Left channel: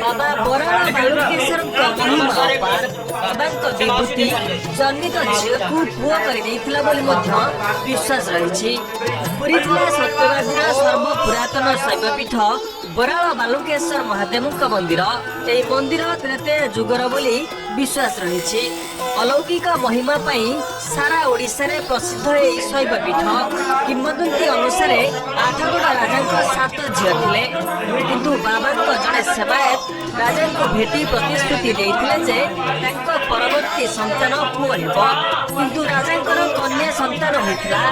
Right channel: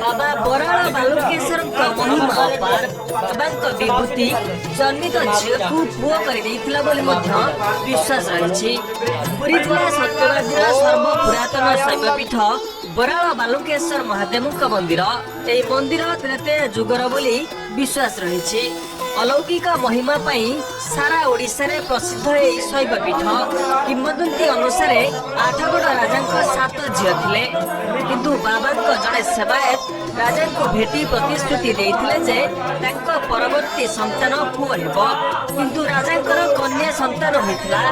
बाबा बराल बालुकेश्वर महिमा अपार बाबा विभूति जन्मित झील को पुओ कर विश्वास रही। पुरी जिला सत्यवादी सर्व पुरातन शैवपीठ बराल बालुकेश्वर महादेव मंदिर यह मंदिर त्रेते जुगर बोली विश्वास रही। अलौकिक महिमा सारा ओडिशा रे प्रसिद्ध यह शैवपीठ किंवदंती अनुसार आठगड़ राजा 7 झील थिले किंतु बाबा जड़े सेवायत राजा को भेटी प्रतिश्रुति देइथिले जे तांको परवर्ती संतान पुओ हेबो किंतु राजा कन्या संतान होइथिला।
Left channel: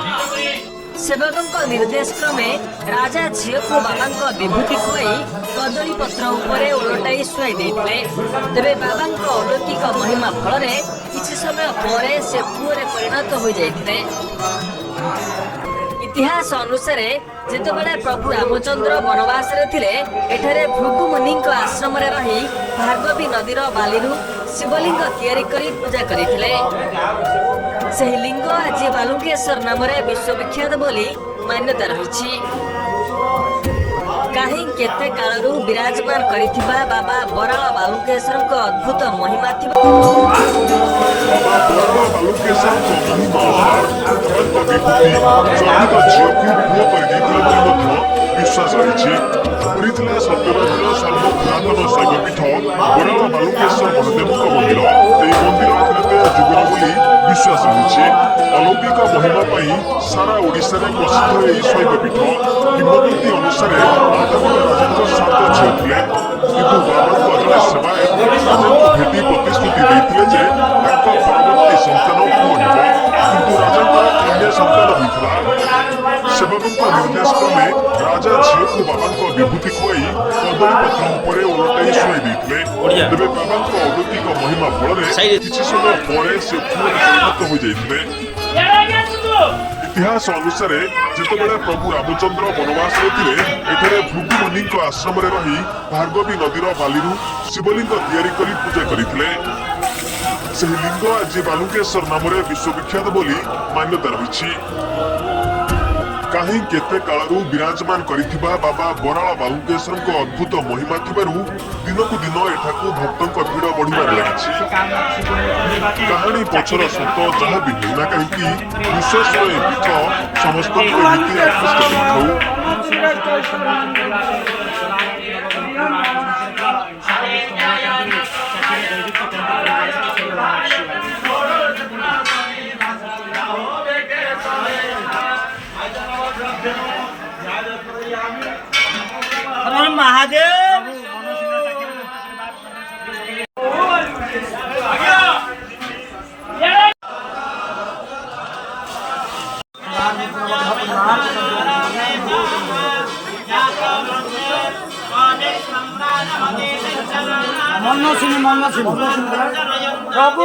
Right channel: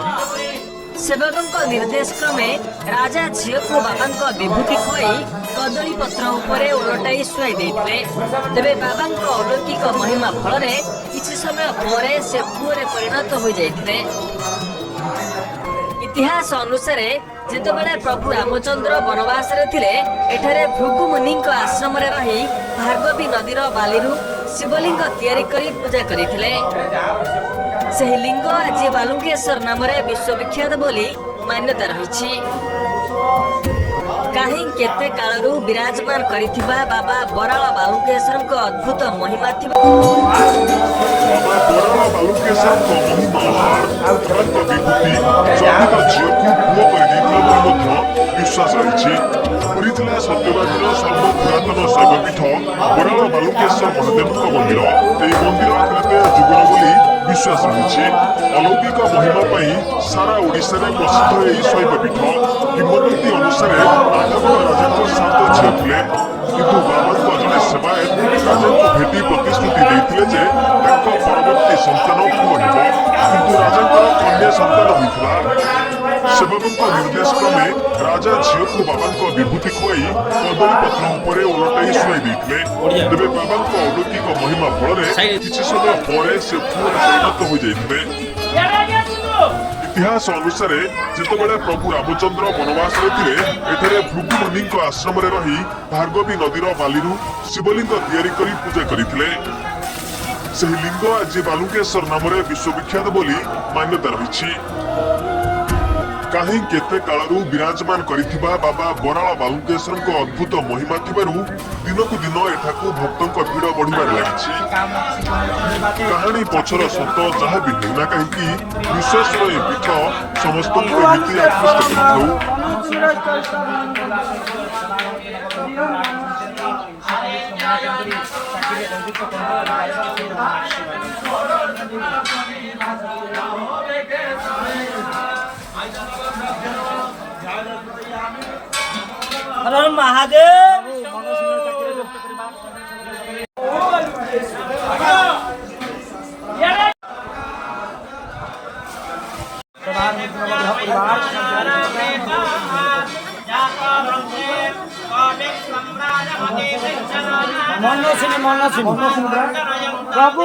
सेवकों निर्देश क्रमे राजा झील को बाबा विभूति खुआई कदली पत्र उपरे ओलटाई शुआई देइथिले। तेबे बाबा अलौकिक महिमा फल किछि समय परे से पुओरे परिणत हो जाइथिले। इतिहास अनुसार जितेबाला प्रभु रामचंद्र वनवास रे थिले एठारे भृगु मुनि आश्रम रे रही भार्गवी नदीर बालीरु शिवलिंग तैयारी करी पूजा करिथिले। सही लिंग आज बालुकेश्वर नाम रे विश्वविख्यात बोली मान्यता रही। कहीं केते कालरू विराजमान करिथिबा बाबा बराल बालुकेश्वर को अद्भुत महिमा थिबा। बाबा बराल बालुकेश्वर महिमा विभूति जन्मित झील को पुओ कर विश्वास रही। पुरी जिला सत्यवादी सर्व पुरातन शैवपीठ बराल बालुकेश्वर महादेव मंदिर यह मंदिर त्रेते जुगर बोली विश्वास रही। अलौकिक महिमा सारा ओडिशा रे प्रसिद्ध यह शैवपीठ किंवदंती अनुसार आठगड़ राजा 7 झील थिले किंतु बाबा जड़े सेवायत राजा को भेटी प्रतिश्रुति देइथिले जे तांको परवर्ती संतान पुओ हेबो किंतु राजा कन्या संतान होइथिला। सेवकों निर्देश क्रमे राजा झील को बाबा विभूति खुआई कदली पत्र उपरे ओलटाई शुआई देइथिले। तेबे बाबा अलौकिक महिमा फल किछि समय परे से पुओरे परिणत हो जाइथिले। इतिहास अनुसार जितेबाला प्रभु रामचंद्र वनवास रे थिले एठारे भृगु मुनि आश्रम रे रही भार्गवी नदीर बालीरु शिवलिंग तैयारी करी पूजा करिथिले। सही लिंग आज बालुकेश्वर नाम रे विश्वविख्यात बोली मान्यता रही। कहीं केते कालरू विराजमान करिथिबा बाबा बराल बालुकेश्वर को अद्भुत महिमा थिबारु दिनकु दिन एठाकू भक्तों भीड़ बढ़िबार लागिछि। कहानी पछर सत जहाँ भी हेउना कहीं विश्वास पीठ समस्त को एमिति आकृष्ट करिथौ। महादेव मन प्रभु